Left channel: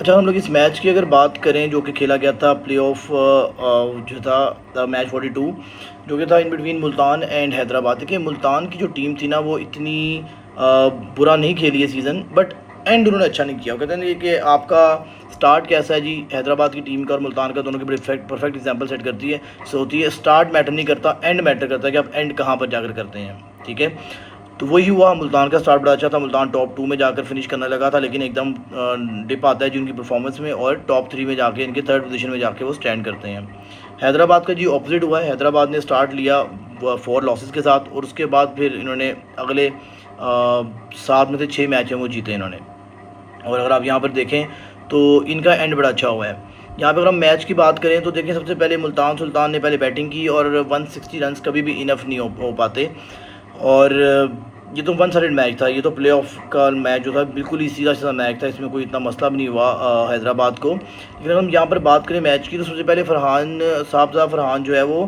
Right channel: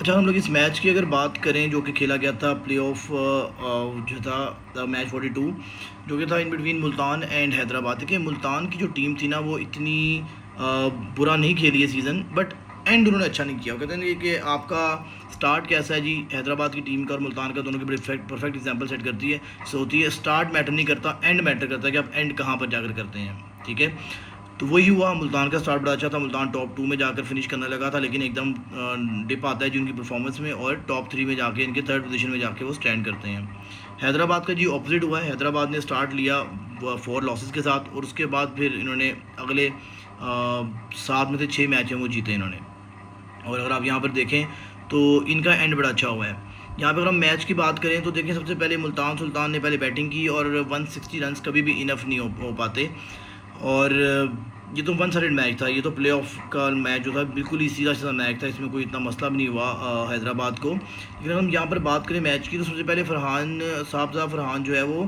अच्छा, हम लोग इस मैच की अगर बात करें जो कि खेला गया था प्ले ऑफ जो था मैच 42 जो कि था in between Multan and Hyderabad. देखिए मुल्तान की जो टीम थी ना वो इतनी बुरा नहीं खेली है सीज़न, बट एंड उन्होंने अच्छा नहीं किया। वो कहते हैं कि आपका स्टार्ट कैसा है जी, हैदराबाद की टीम का और मुल्तान का दोनों की बड़ी परफेक्ट एग्जांपल सेट करती है। सो होती है स्टार्ट मैटर नहीं करता, एंड मैटर करता है कि आप एंड कहाँ पर जाकर करते हैं। ठीक है, तो वही हुआ। मुल्तान का स्टार्ट बड़ा अच्छा था, मुल्तान टॉप 2 में जाकर फिनिश करने लगा था, लेकिन एकदम डिप आता है जी उनकी परफॉर्मेंस में, और टॉप 3 में जाके इनके थर्ड पोजीशन में जाके वो स्टैंड करते हैं। हैदराबाद का जी ऑपोजिट हुआ है। हैदराबाद ने स्टार्ट लिया 4 लॉसेस के साथ, और उसके बाद फिर इन्होंने अगले 7 में से 6 मैच हैं वो जीते इन्होंने। और अगर आप यहाँ पर देखें तो इनका एंड बड़ा अच्छा हुआ है। यहाँ पे अगर हम मैच की बात करें तो देखिए, सबसे पहले मुल्तान सुल्तान ने पहले बैटिंग की, और 160 रन कभी भी इनफ नहीं हो पाते। और ये तो वन साइडेड मैच था, ये तो प्लेऑफ का मैच जो था बिल्कुल ही सीधा सीधा मैच था, इसमें कोई इतना मसला भी नहीं हुआ हैदराबाद को। लेकिन हम यहाँ पर बात करें मैच की तो सबसे पहले फरहान साहबज़ा फरहान जो है वो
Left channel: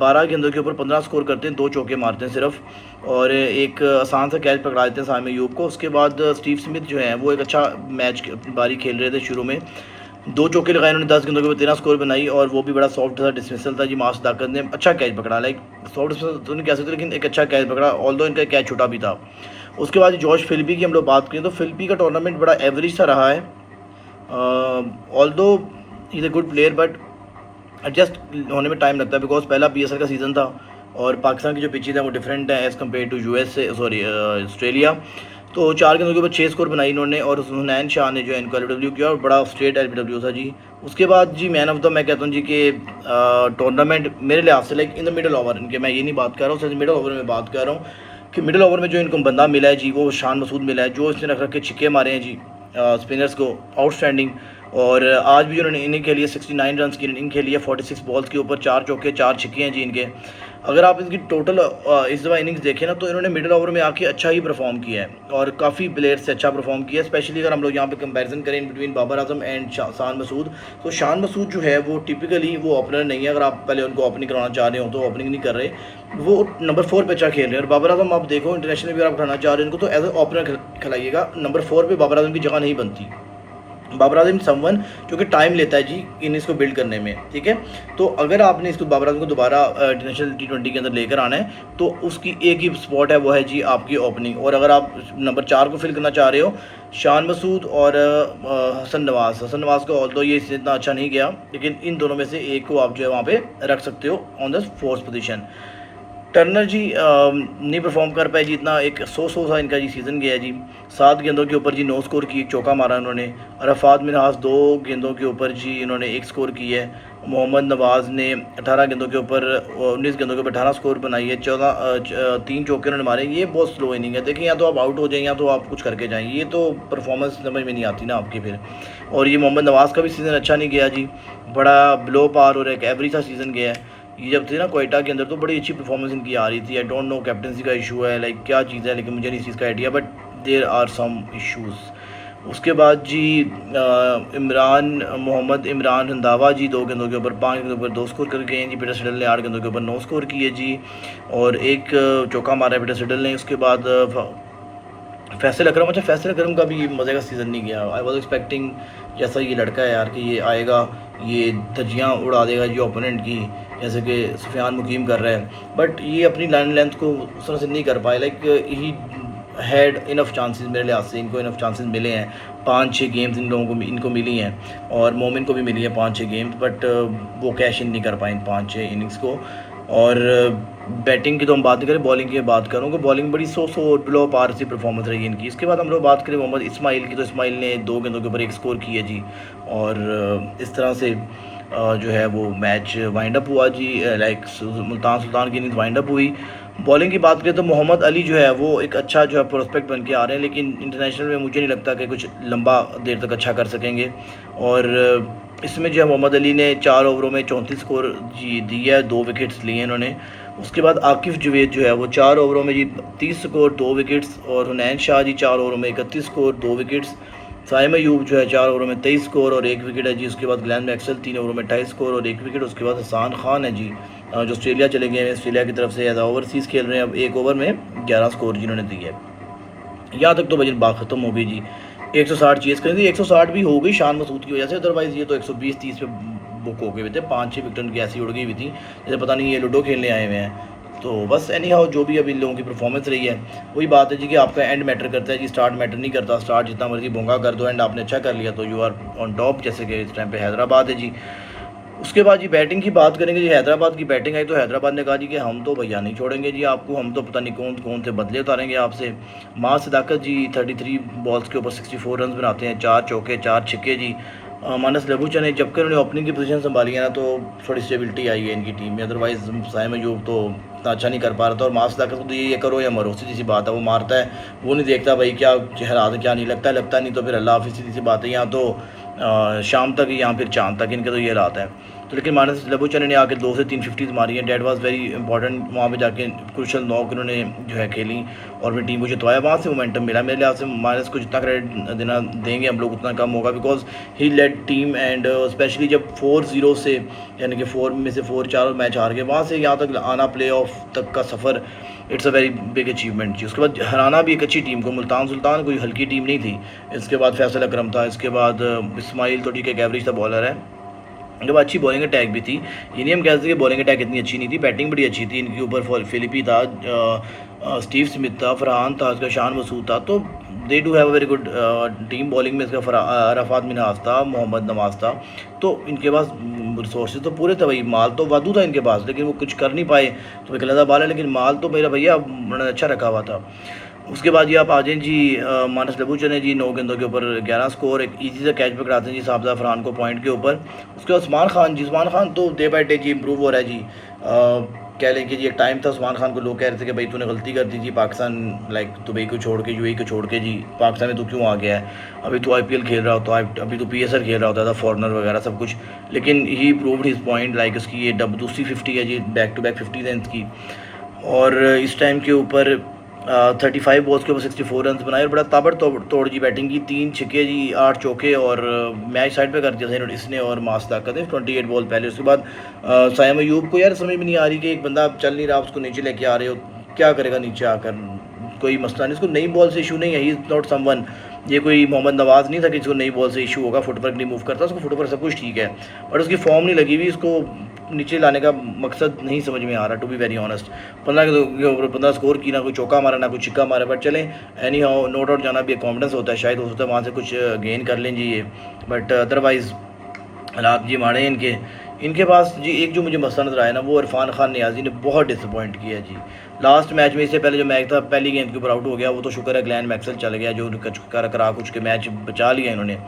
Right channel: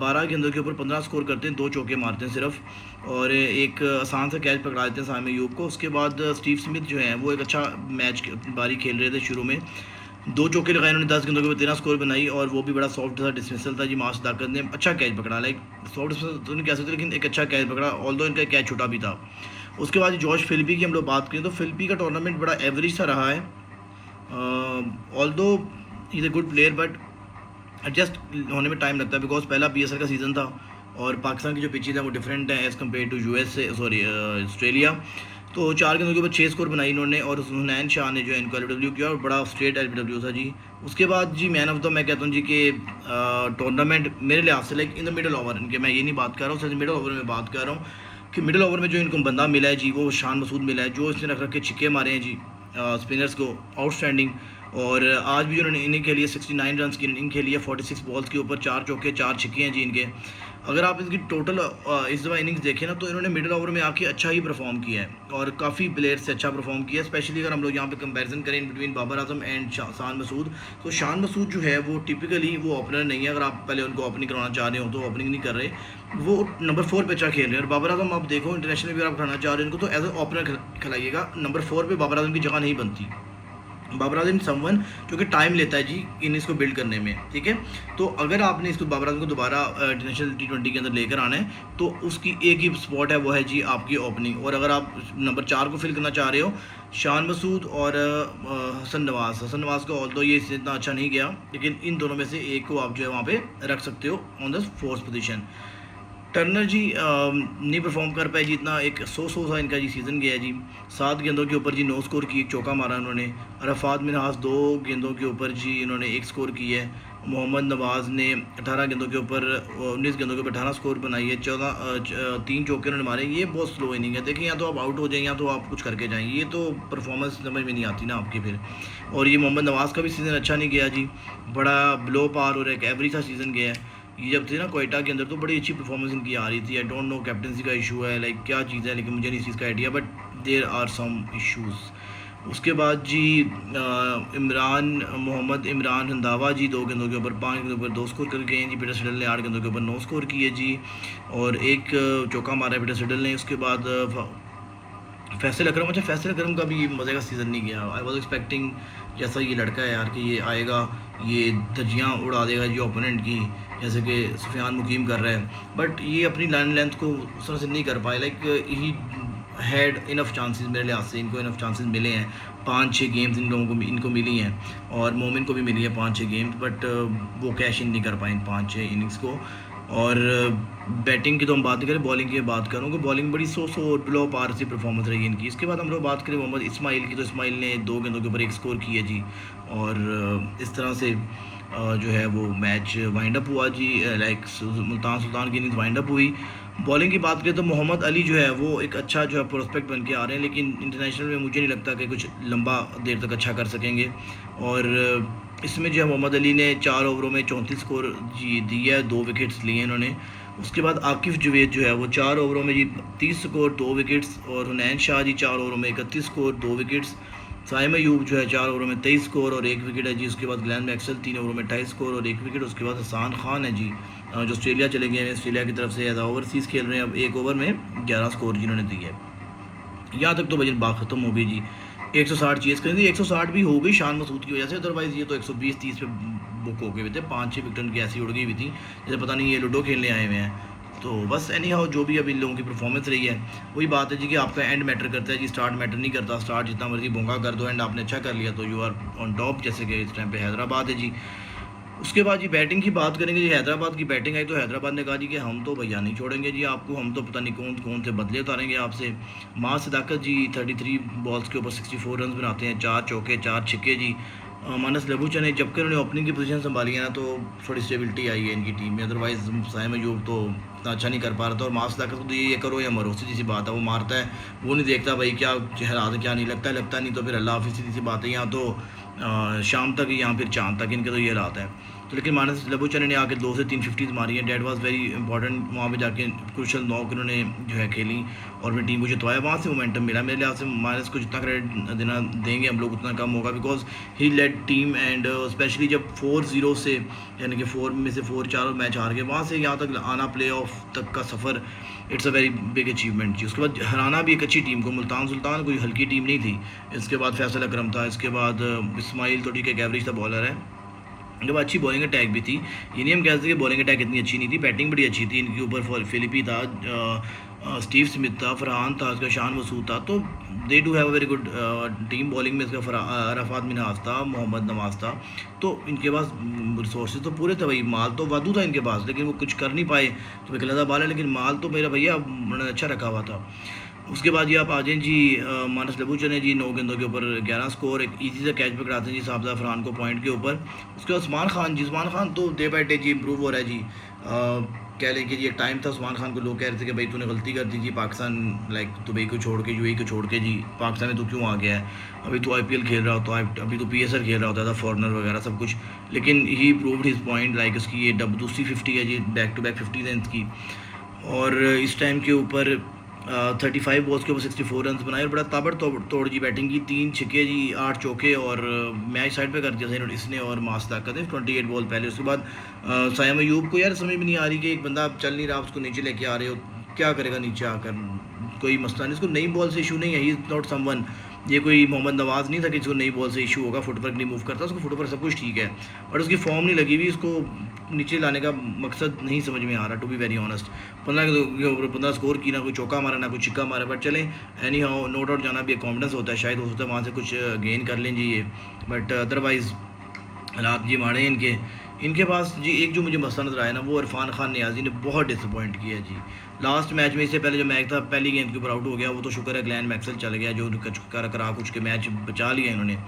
12 गेंदों के ऊपर 15 स्कोर करते हैं, 2 चौके मारते हैं सिर्फ, और एक आसान सा कैच पकड़ा देते हैं साइम अयूब को। उसके बाद स्टीव स्मिथ जो है वो एक अच्छा मैच बारी खेल रहे थे शुरू में, 2 चौके लगाए उन्होंने, 10 गेंदों के ऊपर 13 स्कोर बनाई, और वो भी बड़ा सॉफ्ट था डिसमिसल था जी। मास दाकत ने अच्छा कैच पकड़ा, लाइक सॉफ्ट डिसमिसल तो नहीं कह सकते, लेकिन एक अच्छा कैच पकड़ा, ऑल्दो इनका कैच छोटा भी था। उसके बाद जॉश फिलिपी की हम लोग बात करें तो फिलिपी का टूर्नामेंट बड़ा एवरेज सा रहा है, although is a good player, but adjust होने में टाइम लगता है, बिकॉज पहला PSL का सीज़न था, और पाकिस्तान की जो पिचेज है वो डिफरेंट है एज़ कम्पेयर टू US से, सॉरी ऑस्ट्रेलिया। तो 4 गेंदों के ऊपर 6 स्कोर बनाई इन्होंने, और हुनैन शाह ने जो है इनको LBW किया, और बड़ा स्ट्रेट LBW था जी। उसके बाद जी मैन ऑफ द मैं कहता हूँ जी कि टूर्नामेंट मेरे लिहाज से like in the middle over इनके, मैं ये नहीं बात कर रहा हूँ सिर्फ मिडल ओवर में बात कर रहा हूँ, कि मिडल ओवर में जो इनको बंदा मिला है जी वो शान मसूद मिला है, जो इसने रख रख के छिक्के मारे हैं जी स्पिनर्स को, आउटस्टैंडिंग। और आज भी जो उन्होंने इनिंग खेली है 69 रन की इनिंग खेली है, 46 बॉल्स के ऊपर 4 चौके 4 छिक्के हैं जी इनके। अगर आप इनकी टोटल इस दफ़ा इनिंग्स देखें ना तो इन्होंने मिडिल ओवर में आके अच्छा ही परफॉर्म किया है, और काफ़ी प्लेयर्स से अच्छा परफॉर्म किया है। स्पेशली अगर हम लोग यहाँ पे कंपैरिजन करें बिटवीन बाबर आजम एंड शान मसूद, तो शान मसूद जो है वो टिपिकली वो ओपनर नहीं है। अगर आप पहले उनको ओपनिंग करवाना चाह रहे हो तो ओपनिंग नहीं कर रहे, वो नंबर 4 पे अच्छा खेल रहे हैं। और बाबर आजम आप देखो इंटरनेशनल भी अगर आप खिलाना चाह रहे हो उनको तो एज ए ओपनर खिलाइएगा, नंबर 4 पे बाबर आजम की जगह नहीं बनती। बाबर आजम समवन जो कि टाइम लेता है जी इनिंग्स को बिल्ड करने में, ठीक है। तो अगर आपने इसको बाबर आजम को दोबारा इंटरनेशनल T20 के अंदर लेकर आना है तो उसकी एक ही स्पॉट है, वो है जी आपकी ओपनिंग। और अगर आप नंबर 4 को फिल करना चाह रहे हो, शान मसूद और हसन नवाज का, ऑल्दो ये इससे इतना अच्छा नहीं गया, लेकिन इन दोनों में से एक को आप जो है वहाँ पे रख सकते हो on the 4th position. Turner ji नहीं परफॉर्म कर पाए जी इतना, एक सौ सा इनका जी सीज़न गया जी। 7 गेंदों के ऊपर जी 9 स्कोर की, एक चौका मारा उन्होंने। अरफात मिनहास 2 गेंदों के ऊपर जी इन्होंने 1 स्कोर की है। मोहम्मद नवाज़ ने 18 गेंदों के ऊपर 19 गेंदों के ऊपर 18 स्कोर बनाई है। 3 चौके उन्होंने मारे। ये बहुत स्लो इनिंग है, देखिए या तो आप आउट हो जाएं या तो आप कुछ करके जाएँ, ये तो परफॉर्मेंस समझ में नहीं आती ना आपकी फिर। और ये मोहम्मद नवाज़ का भी सीज़न अच्छा नहीं गया जी, बड़ा ब्लो पार और एक एवरेज सा सीज़न गया है। ये जब थे ना कोयटा के अंदर तो बड़ी अच्छी परफॉर्मेंस इनकी आ रही थी। आई डोंट नो कैप्टनसी का इशू है, लाइक क्या चीज़ है, लेकिन मुझे नहीं इस चीज़ का idea, but there are some issues. उसके बाद जी मोहम्मद इमरान रंधावा जी 2 गेंदों के ऊपर 5 गेंदों के ऊपर 2 स्कोर कर गए हैं जी। पीटर सिडल ने 8 गेंदों के ऊपर 9 स्कोर किए जी, और एक चौका मारा है पीटर सिडल ने। उसके बाद फैसल अकरम, अच्छा फैसल अकरम का भी मज़े का सीज़न नहीं गया। आई वॉज एक्सपेक्टिंग जैसा ये लड़का है यार कि ये आएगा, ये धज्जियाँ उड़ा देगा जी ओपोनेंट की, जैसे कि सुफियान मुकीम कर रहा है, बट ये अपनी लाइन लेंथ को उस तरह से नहीं कर पाए। Like he had enough chances, मेरे लिहाज से इनको इनफ चांसेस मिले हैं। 5-6 गेम्स इन लोगों को इनको मिली हैं, और मोमिन को भी मिली है 5-6 गेम्स, बट वो कैश इन नहीं कर पाए इन 5-6 इनिंग्स को। और बैटिंग की तो हम बात नहीं करें, बॉलिंग की बात करूँ कि बॉलिंग बड़ी सो बिलो पार सी परफॉर्मेंस रही इनकी। इसके बाद हम लोग बात करें मोहम्मद इस्माइल की, तो इस्माइल ने 2 गेंदों के ऊपर 1 स्कोर किया जी, और इस तरह से जो है वो मैच वाइंड अप हुआ जी। लाइक मुल्तान सुल्तान की इनिंग्स वाइंड अप हुई। बॉलिंग की बात करें तो मोहम्मद अली जो है वो एक अच्छा जो है प्रोस्पेक्ट बन के आ रहे हैं, लेकिन इंटरनेशनल में मुझे नहीं लगता कि कुछ लंबा देर तक अच्छा कर सकेंगे। और इसमें जो है मोहम्मद अली ने 4 ओवरों में 34 स्कोर जी दिया है, 2 विकेट्स लिए इन्होंने। उसके बाद आकिफ़ जवेद जो है वो 4 ओवरों में जी 30 स्कोर 2 विकेट्स, और हुनैन शाह जी 4 ओवरों में 31 स्कोर 2 विकेट्स। साइम अयूब जो है 4 ओवरों में 23 स्कोर और 1 विकेट है जी। उसके बाद ग्लेन मैक्सवेल 3 ओवरों में 28 स्कोर और 1 विकेट। उसके बाद हसान खान है जी, जो ऑस्ट्रेलिया चले गए हैं, ऑस्ट्रेलिया की तरफ से एज ओवरसीज़ खेल रहे हैं। अब 1 ओवर में 11 स्कोर जिन्होंने दिए है। यहाँ तक तो वजन बात ख़त्म हो गई जी 160 चेस करी थी, 160 भी हो गई शान मसूद की वजह से, अदरवाइज़ ये तो 120-30 पे बुक हो गए हुए थे। 5-6 विकेट उनकी ऐसी उड़ गई हुई थी जैसे पता नहीं ये लूडो खेलने आए हुए हैं। तो बस एनी हाउ जो भी अभी इन लोगों की परफॉर्मेंस रही है, वही बात है जी कि आपका एंड मैटर करता है जी, स्टार्ट मैटर नहीं करता। स्टार्ट जितना मर्जी भोंगा कर दो, एंड आपने अच्छा कर लिया तो यू आर ऑन टॉप, जैसे कि इस टाइम पे हैदराबाद है जी। उसके बाद जी बैटिंग की बात करेंगे जी, हैदराबाद की बैटिंग आई तो हैदराबाद ने कहा जी कि हम तो भैया नहीं छोड़ेंगे जी आपको, हम तो पता नहीं कौन कौन से बदले उतारेंगे आपसे। माँ सदाकत जी 33 बॉल्स के ऊपर 64 रन बनाते हैं, 4 चौके 4 छक्के जी। मानस लबूचा ने जबकि उन्होंने ओपनिंग की पोजीशन संभाली है ना, तो थोड़ी स्टेबिलिटी आई है इनकी टीम में। अदरवाइज़ साइम अयूब तो इतना अच्छा नहीं कर पा रहा था, और माँ सदाकत को तो ये करो या मरो, सीधी सी बात है। वो मारता है, वो नहीं देखता भाई क्या हालात है क्या नहीं, लगता नहीं तो फिर अल्लाह हाफिज़, सीधी सी बात है। यहाँ तो शाम तक या फिर चांद तक इनके तो ये हालात है। तो लेकिन मानस लबूचन ने आके 2 से 3 50 मारी हैं, डेट वाज वेरी इंपॉर्टेंट। वहाँ पे जाके क्रूशल नॉक उन्होंने जो है खेली और अपनी टीम को जितवाया, वहाँ से मोमेंटम मिला। मेरे लिहाज से मानस को जितना क्रेडिट देना देंगे हम लोग उतना कम होगा, because he led team, and specially जब 4-0 से, यानी कि 4 में से 4 मैच हार गए, वहाँ से यहाँ तक आना, प्ले ऑफ तक का सफ़र, it's a very big achievement जी। उसके बाद हराना भी एक अच्छी टीम को, मुल्तान सुल्तान कोई हल्की टीम नहीं थी। इसके बाद फैसल अकरम था, इसके बाद इस्माइल तो ठीक है, एक एवरेज था बॉलर है। जब अच्छी बॉलिंग अटैक भी थी, ये नहीं हम कहते कि बॉलिंग अटैक इतनी अच्छी नहीं थी, बैटिंग बड़ी अच्छी थी इनके ऊपर। फिलिपी था, स्टीव स्मिथ था, फरहान था, इसका शान मसूद था, तो they do have a very good team. Bowling में इसका अरफात मिनहास था, मोहम्मद नवाज था, तो इनके पास रिसोर्सेज तो पूरे थे भाई, माल तो वादू था इनके पास, लेकिन वो कुछ कर नहीं पाए। तो एक अलग बाल है, लेकिन माल तो मेरा भैया उन्होंने अच्छा रखा हुआ था। उसके बाद ये आप आ जाएँ जी, मानस लबूचन ने जी 9 गेंदों के ऊपर 11 स्कोर, एक ईजी सा कैच पकड़ाते हैं जी साबजा फरहान को पॉइंट के ऊपर। उसके बाद उस्मान खान जी, उस्मान खान तो डे बाई डे जी इम्प्रूव हो रहा है जी। कह लें कि जी एक टाइम था उस्मान खान को लोग कह रहे थे कि भाई तूने गलती कर दी जी, पाकिस्तान लाइक दुबई को छोड़ के, यूएई को छोड़ के जी पाकिस्तान में तू क्यों आ गया है, अभी तो आईपीएल खेल रहा होता, अभी तो पीएसएल खेल रहा होता था, फॉरनर वगैरह सब कुछ। लेकिन he proved his point, like उसकी ये दूसरी 50 है जी, बैक टू बैक 50 है इसकी। और इस टाइम के ऊपर 35 बॉल्स के ऊपर 64 रन बनाए, और बड़ा ताबड़ तोड़ जी बैटिंग की, 3 छक्के जी 8 चौके, और मैच साइड पे कर दिया था इसने और मास ताकत है 28 बॉल पहले। उसके बाद साइम अयूब को यार समझ में नहीं आ रही कि एक बंदा चल नहीं रहा, उसको नीचे लेके आ रहे हो, क्या करेगा नीचे आकर, कोई मसला नहीं, इसको नई बॉल से इशू नहीं है, ही इज़ नॉट समवन, ये कोई मोहम्मद नवाज़ नहीं था कि इसको नई बॉल से इशू होगा, फुटवर्क नहीं मूव करता, उसको फुटवर्क सब कुछ ठीक है, बट उसकी फॉर्म नहीं लगी हुई, इसको नीचे लाने का मकसद नहीं समझ में आ रहा, to be very honest. 15 score की, ना कोई चौका मारा ना कोई छिक्का मारा, बट चलें एनी हाउ, नो डाउट जाना भी एक कॉन्फिडेंस होता है, शायद हो सकता है वहाँ से कुछ गेन कर लें जी ये, बट अदरवाइज़ हालात जी माड़े इनके। इनके पास जी एक जो मुझे मसला नज़र आया ना, वो इरफान खान नियाज़ी ने बहुत डिसअपॉइंट किया जी। लास्ट मैच में, इससे पहले जो मैच था पहली गेंद के ऊपर आउट हो गया, वो तो शुक्र है ग्लैन मैक्सवेल चल गया जो करा कुछ के मैच बचा लिया इन्होंने।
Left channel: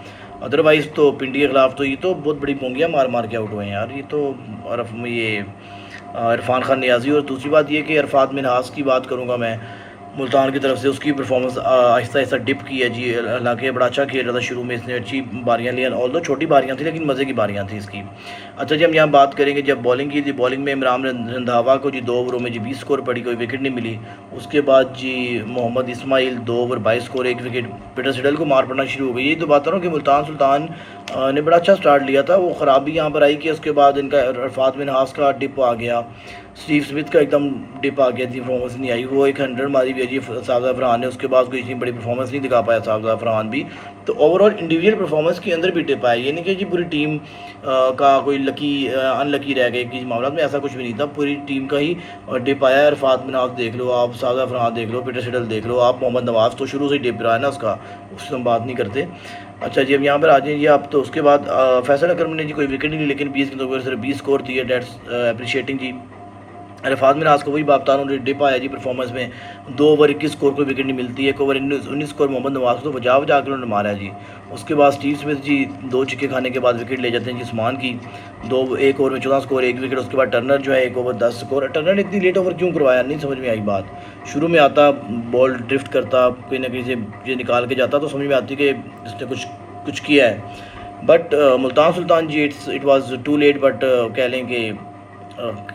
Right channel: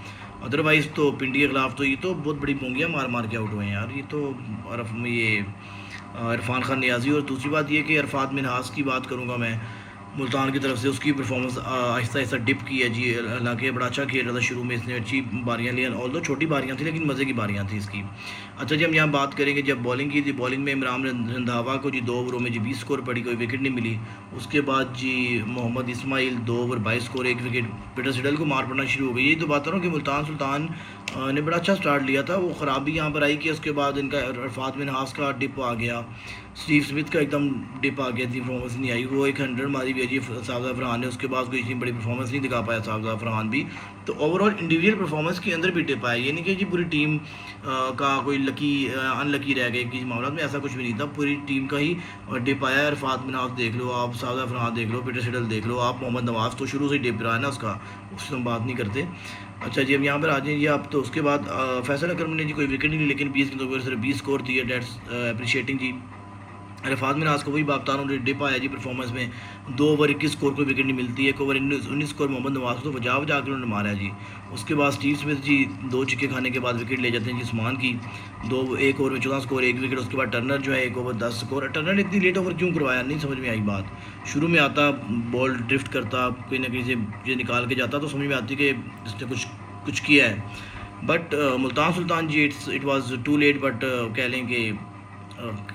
अदरवाइज़ तो पिंडी के ख़िलाफ़ तो ये तो बहुत बड़ी पोंगियाँ मार मार के आउट हुए हैं यार, ये तो इरफान खान नियाज़ी। और दूसरी बात ये कि अरफात मिनहास की बात करूँगा मैं, मुल्तान की तरफ से, उसकी परफॉर्मेंस आहिस्ता आहिस्ता डिप की है जी। हालांकि बड़ा अच्छा खेल रहा था शुरू में, इसने अच्छी बारियां ली, ऑल दो छोटी बारियां थी लेकिन मज़े की बारियां थी इसकी। अच्छा जी, हम यहाँ बात करेंगे जब बॉलिंग की थी, बॉलिंग में इमरान रंधावा को जी 2 ओवरों में जी 20 स्कोर पड़ी, कोई विकेट नहीं मिली। उसके बाद जी Mohammad Ismail 2 over 22 score 1 wicket. Peter Siddle को मार पड़ना शुरू हो गई। ये तो बात रहा हूँ कि मुल्तान सुल्तान ने बड़ा अच्छा स्टार्ट लिया था, वो ख़राबी यहाँ पर आई कि उसके बाद इनका अरफात मिनहास का डिप आ गया, स्टीव स्मिथ का एकदम डिप आ गया, इतनी परफॉर्मेंस नहीं आई। वो एक 100 मारी भी है जी साबजा फरहान ने, उसके बाद कोई इतनी बड़ी परफॉर्मेंस नहीं दिखा पाया साबजा फरहान भी। तो ओवरऑल इंडिविजुअल परफॉर्मेंस के अंदर भी डिप आया, ये नहीं कि जी पूरी टीम का कोई लकी अनलकी रह गए कि मामला में, ऐसा कुछ भी नहीं था, पूरी टीम का ही डिप आया। अरफात मिनहास देख लो आप, साबजा फरहान देख लो, पीटर सिडल देख लो आप, मोहम्मद नवाज़ तो शुरू से ही डिप रहा है ना उसका, उससे हम बात नहीं करते। अच्छा जी, अब यहाँ पर आ जाइए आप, तो उसके बाद फैसल अकरम ने जी कोई विकेट नहीं ली, लेकिन 20 गेंदों पर सिर्फ 20 स्कोर थी, डेट्स अप्रिशिएटिंग जी। अरफात मिनहास को वही बात बता रहा हूँ, डिप आया जी परफॉर्मेंस में, 2 ओवर 21 स्कोर को विकेट नहीं मिलती, 1 ओवर 19 स्कोर मोहम्मद नवाज को तो बजा के उन्होंने मारा है जी। उसके बाद स्टीव स्मिथ जी 2 छक्के खाने के बाद विकेट ले जाते हैं जी उस्मान की, 1 ओवर में 14 स्कोर 1 विकेट। उसके बाद टर्नर जो है 1 ओवर 10 स्कोर। टर्नर ने इतनी लेट ओवर क्यों करवाया, नहीं समझ में आई बात। शुरू में आता, बॉल ड्रिफ्ट करता, कहीं ना कहीं से ये निकाल के जाता, तो समझ में आती कि इसने कुछ किया है। But Multan Sultan ji it was too late, but कह लें कि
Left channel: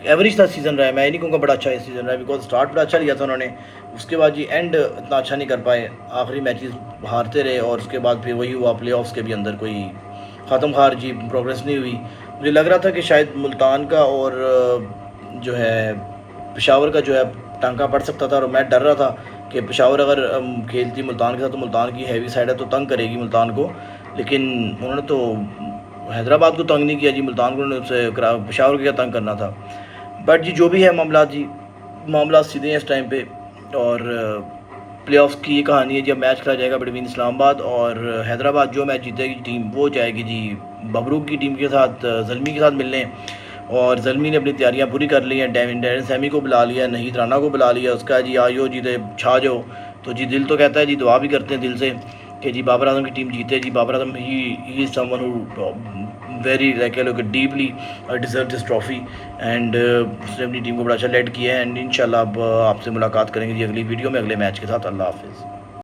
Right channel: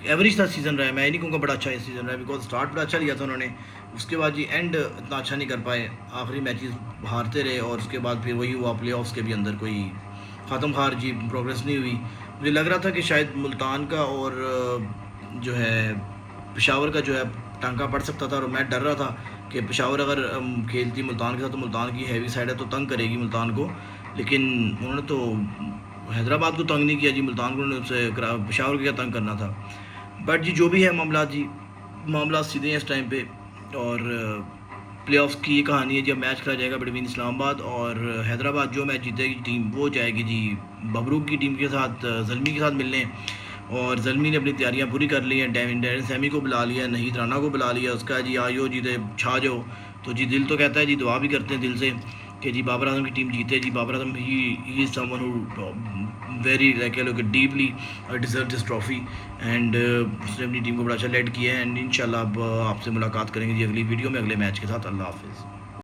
एवरेज था सीज़न रहा है, मैं ये नहीं कहूँगा बड़ा अच्छा है सीज़न रहा है, बिकॉज स्टार्ट बड़ा अच्छा लिया था उन्होंने, उसके बाद जी एंड इतना अच्छा नहीं कर पाए, आखिरी मैचेस हारते रहे, और उसके बाद फिर वही हुआ, प्लेऑफ्स के भी अंदर कोई ख़त्म खार जी प्रोग्रेस नहीं हुई। मुझे लग रहा था कि शायद मुल्तान का और जो है पेशावर का जो है टांका पड़ सकता था, और मैं डर रहा था कि पेशावर अगर खेलती मुल्तान के साथ तो मुल्तान की हैवी साइड है तो तंग करेगी मुल्तान को, लेकिन उन्होंने तो हैदराबाद को तंग नहीं किया जी, मुल्तान को उन्होंने उससे पेशावर को क्या तंग करना था। बट जी जो भी है मामला जी, मामला सीधे हैं इस टाइम पे। और प्लेऑफ्स की ये कहानी है, जब मैच खेला जाएगा बिटवीन इस्लामाबाद और हैदराबाद, जो मैच जीतेगी टीम वो जाएगी जी बबरूक की टीम के साथ, ज़ल्मी के साथ मिलने। और ज़ल्मी ने अपनी तैयारियां पूरी कर ली हैं, डैरेन सैमी को बुला लिया, नहीद राना को बुला लिया, उसका जी आयो जीते छा जाओ। तो जी दिल तो कहता है जी, दुआ भी करते हैं दिल से कि जी बाबर आजम की टीम जीते। जी बाबर आजम ही is someone who very like लोग deeply deserve this trophy and उसने अपनी टीम को बड़ा अच्छा लेड किया है। एंड इंशाल्लाह अब आपसे मुलाकात करेंगे जी अगली वीडियो में अगले मैच के साथ। अल्लाह हाफिज़।